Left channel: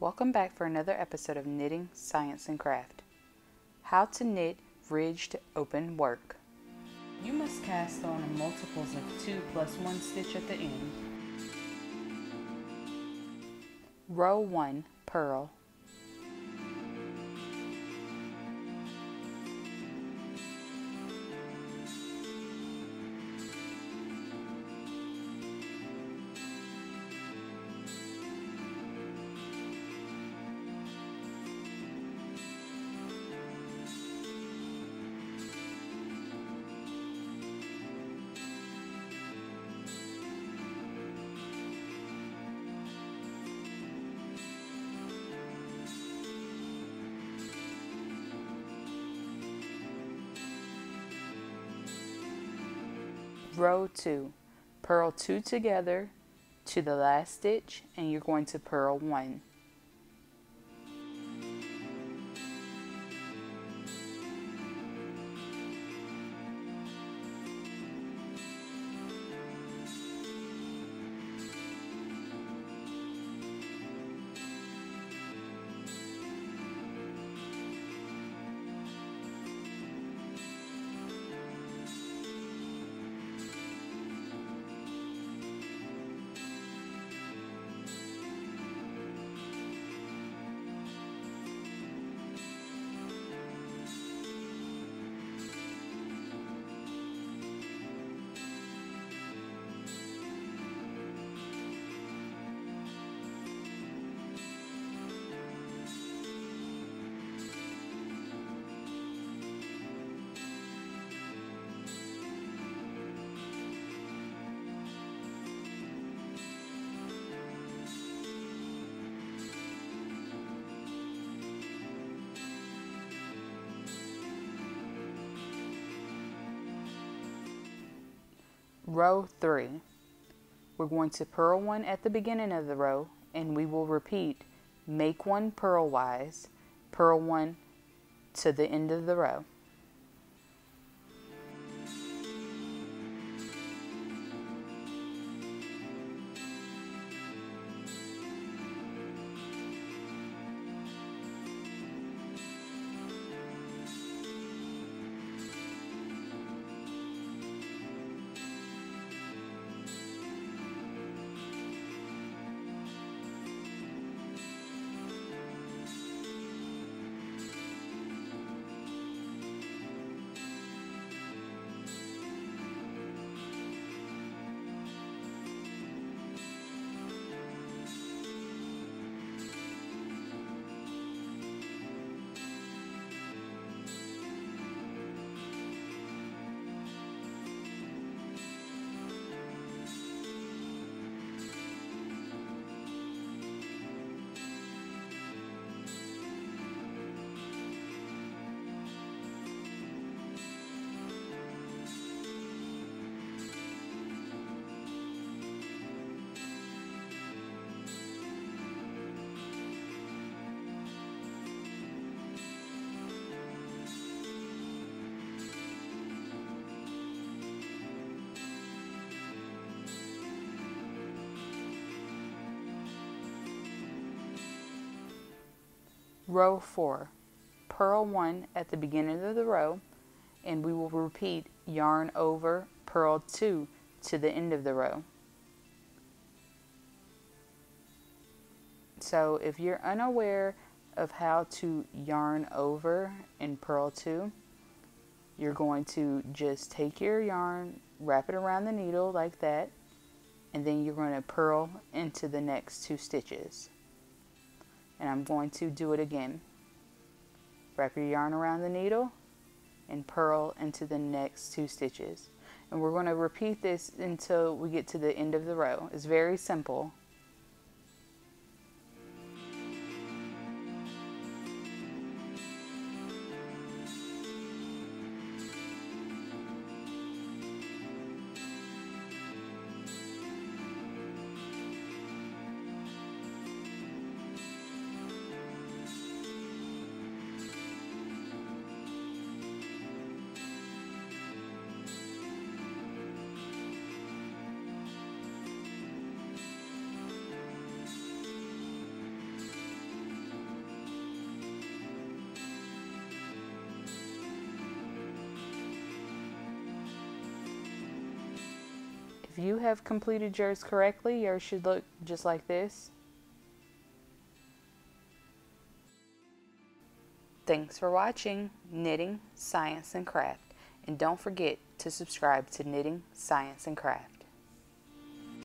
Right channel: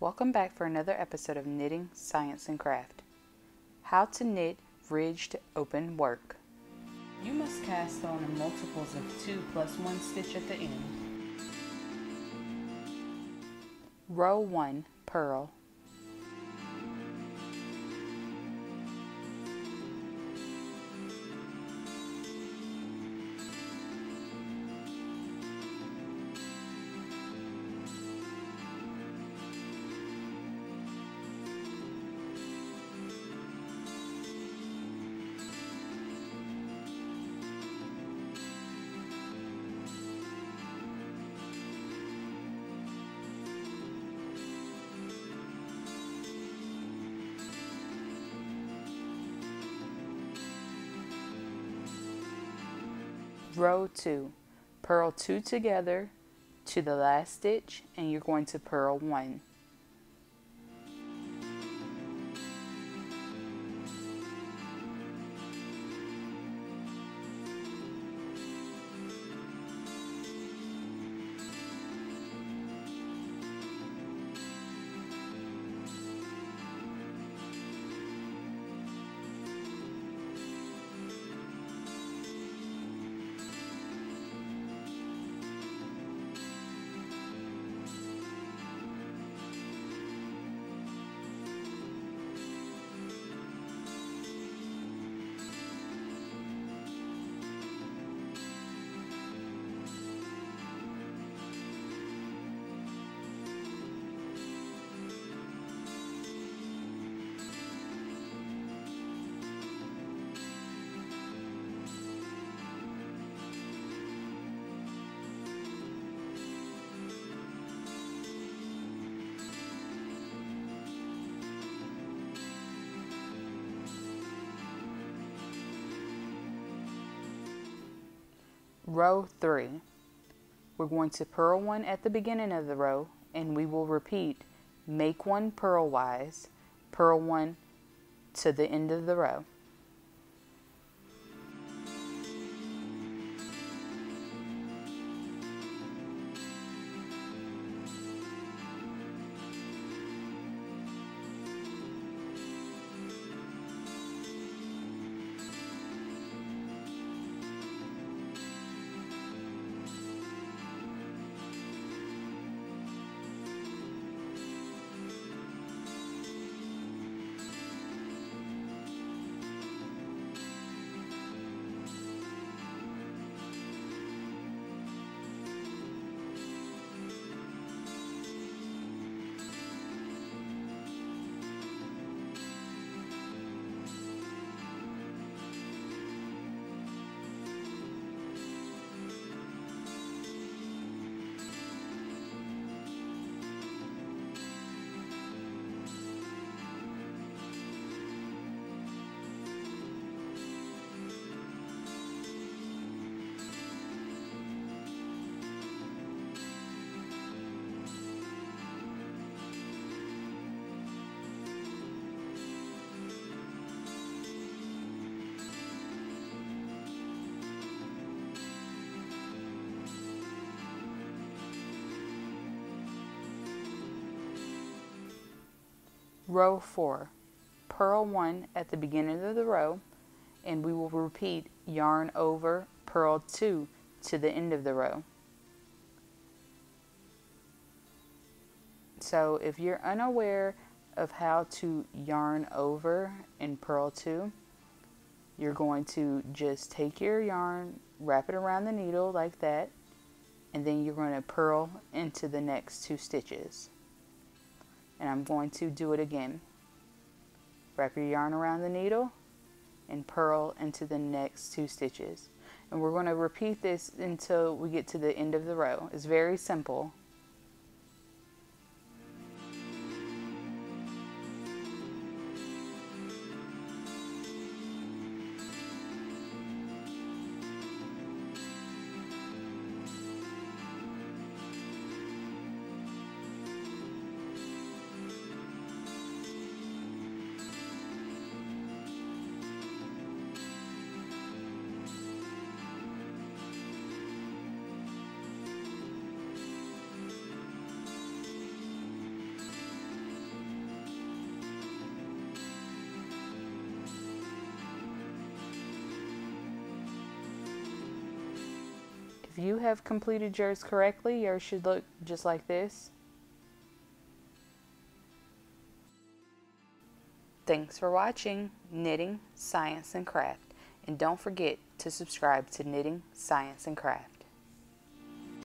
Welcome back for another episode of Knitting, Science, and Craft. How to knit ridged open work. You must cast on multiples of 2 plus 1 stitch at the end. Row 1, purl. Row 2, purl 2 together to the last stitch, and you're going to purl 1. Row 3, we're going to purl 1 at the beginning of the row, and we will repeat make 1 purlwise, purl 1 to the end of the row. Row 4, purl 1 at the beginning of the row, and we will repeat yarn over, purl 2 to the end of the row. So if you're unaware of how to yarn over and purl 2, you're going to just take your yarn, wrap it around the needle like that, and then you're going to purl into the next 2 stitches. And I'm going to do it again. Wrap your yarn around the needle and purl into the next 2 stitches. And we're going to repeat this until we get to the end of the row. It's very simple. If you have completed yours correctly, yours should look just like this. Thanks for watching Knitting, Science, and Craft. And don't forget to subscribe to Knitting, Science, and Craft.